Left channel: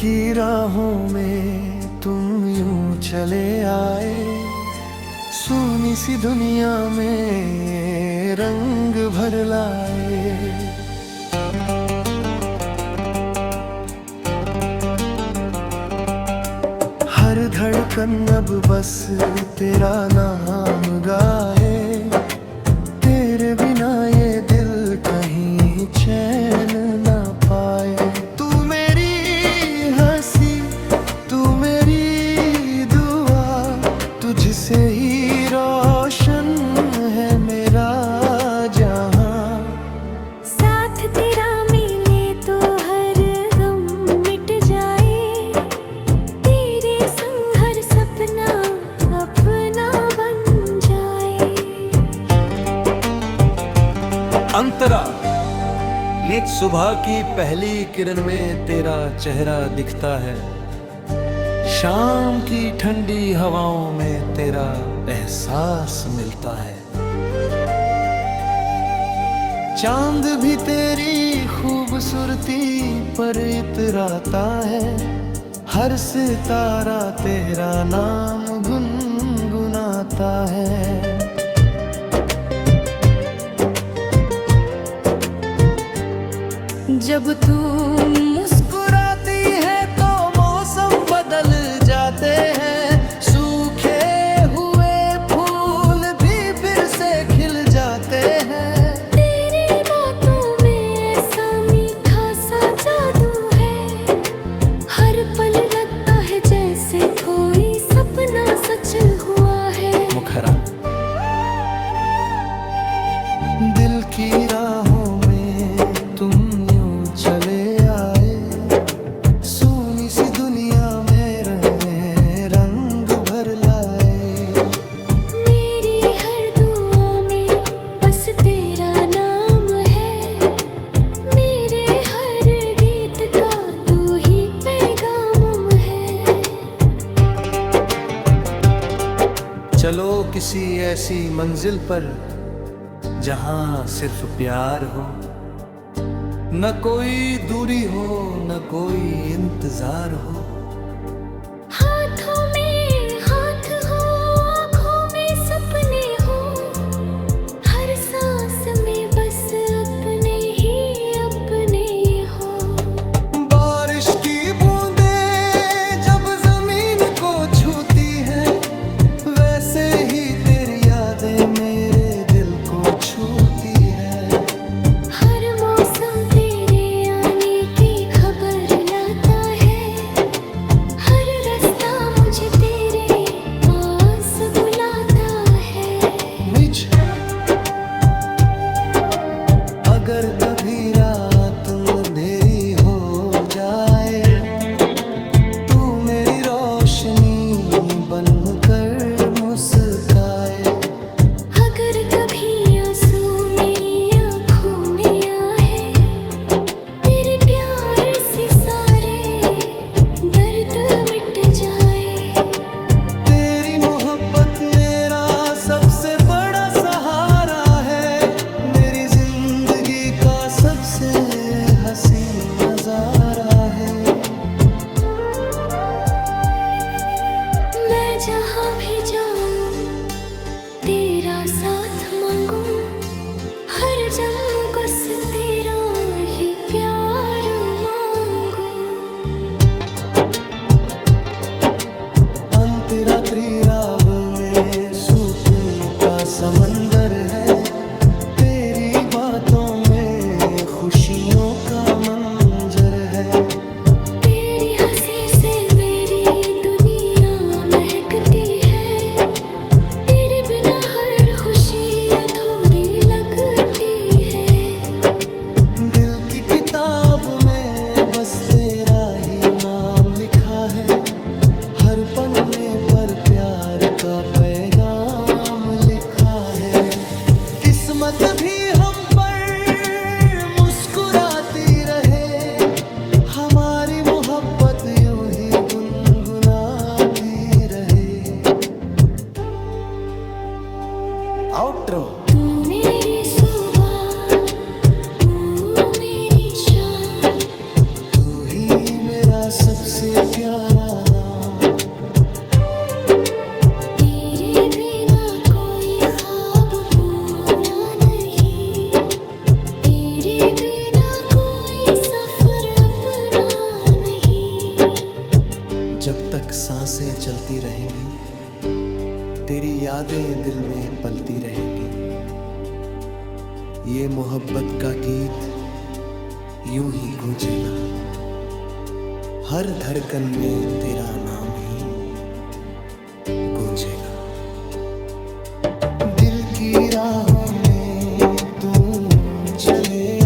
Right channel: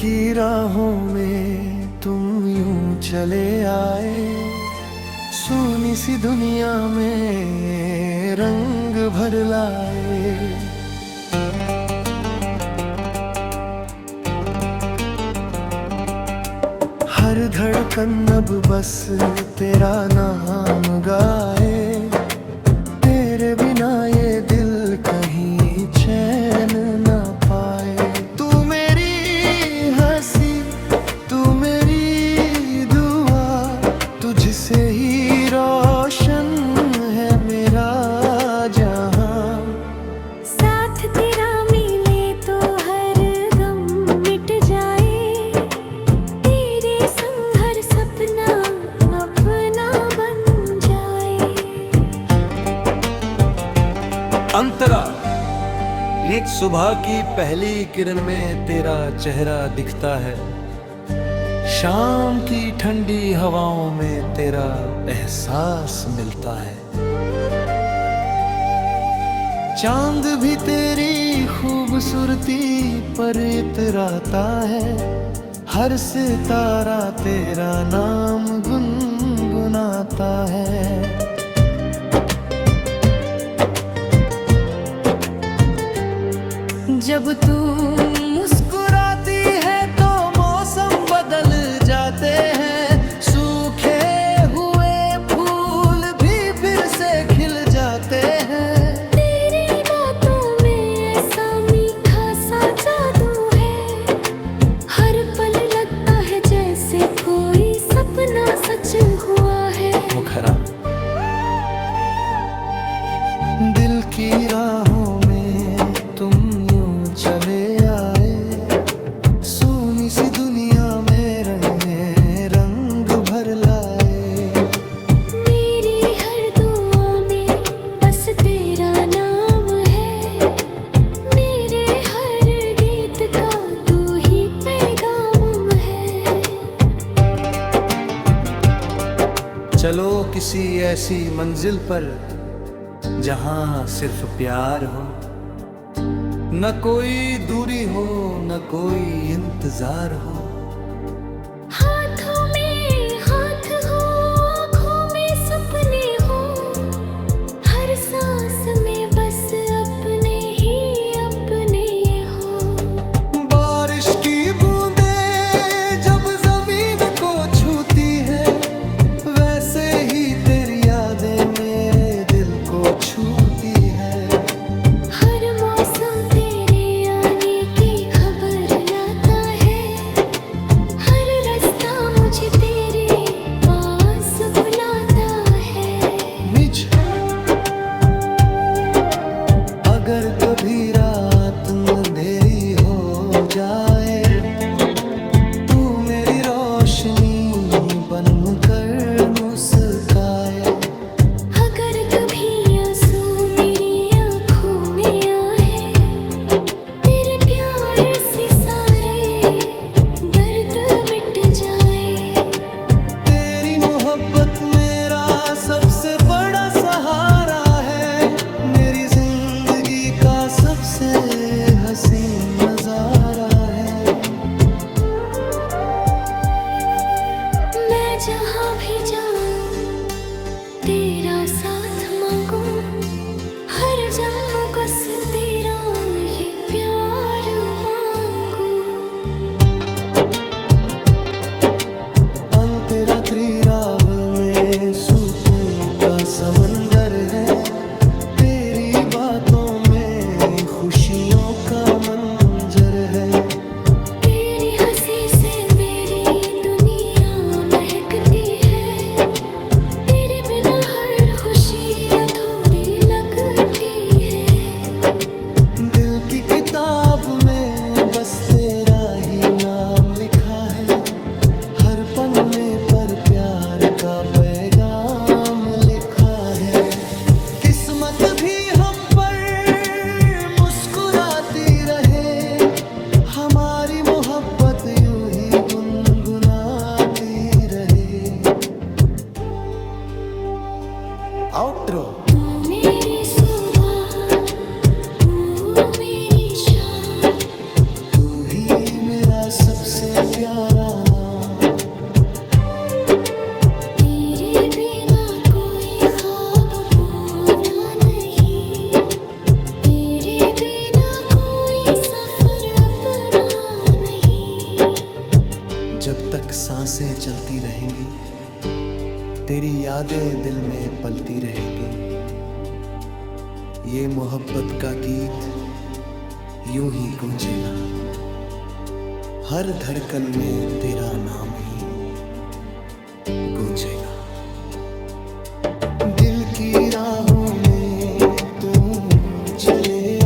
की राहों में तुम यूं चले आए, सोनी सी दुनिया में रंग भर लाए। हर धड़कन अब बस तेरा नाम गाए, तेरे बिना ये दिल कहीं चैन ना पाए। तू मेरी हंसी, तू मेरी दुआ, तुझसे ही रोशन है मेरा जहां। साथ तेरा मिले तो हर गम मिट जाए, तेरे संग हर सपना अपना बन जाए। अंतरा, एक सुबह की पहली किरण में तेरा चेहरा दिखता है, शाम की ठंडी हवाओं में तेरा एहसास मिलता है। चांद भी तेरी खूबसूरती पर इतराता है, हर सितारा तेरा नाम गुनगुनाता है। जब तू मुस्कुराती है तो मौसम बदल जाते हैं, सूखे हुए फूल भी फिर से खिल जाते हैं। तेरी बातों में ऐसा मीठा सा जादू है, हर पल लगता है जैसे कोई सपना सच हुआ है। मुखरा, दिल की राहों में तुम यूं चले आए, सोनी सी दुनिया में रंग भर लाए। मेरी हर दुआ में बस तेरा नाम है, मेरे हर गीत का तू ही पैगाम है। चलो किसी ऐसी मंजिल पर जहां सिर्फ प्यार हो, न कोई दूरी हो न कोई इंतजार हो। हाथों में हाथ हो, आँखों में सपने हो, हर सांस में बस अपने ही अपने हो। बारिश की बूंदें जब जमीन को छूती है, वैसे ही तेरी यादें मेरे दिल को छूती है। हर मौसम तेरे आने की खबर लाता है, हर रास्ता मुझे तेरे पास बुलाता है। मिच, अगर कभी रात अंधेरी हो जाए, तू मेरी रोशनी बनकर मुस्काए। अगर कभी आंसू मेरी आँखों में आए, तेरे प्यार से सारे दर्द मिट जाए। तेरी मोहब्बत मेरा सबसे बड़ा सहारा है, मेरी जिंदगी का सबसे हसीन नजारा है। मैं जहाँ भी जाऊँ तेरा साथ मांगू, हर जन्म बस तेरा ही प्यार मांगू। अंतरात्रि राव में सुकून का समंदर है, तेरी बातों में खुशियों का मंजर है। तेरी हंसी से मेरी दुनिया महकती है, तेरे बिना हर खुशी अधूरी लगती है। दिल की किताब में बस तेरा ही नाम लिखा है, हर पन्ने पर प्यार का पैगाम लिखा है। किस्मत भी हम पर मुस्कुराती रहे, हमारी मोहब्बत यूं ही गुनगुनाती रहे। आउट्रो। तू मेरी सुबह, तू मेरी शाम, तू ही मेरा सबसे प्यारा नाम। तेरे बिना कोई ख्वाब पूरा नहीं, तेरे बिना कोई सफर अपना नहीं। जब तक सांसें चलती रहेंगी तेरी यादें दिल में पलती रहेंगी। ये मोहब्बत का गीत यूं ही गूंजेगा, हर धड़कन में तेरा नाम ही गूंजेगा। दिल की राहों में तुम चले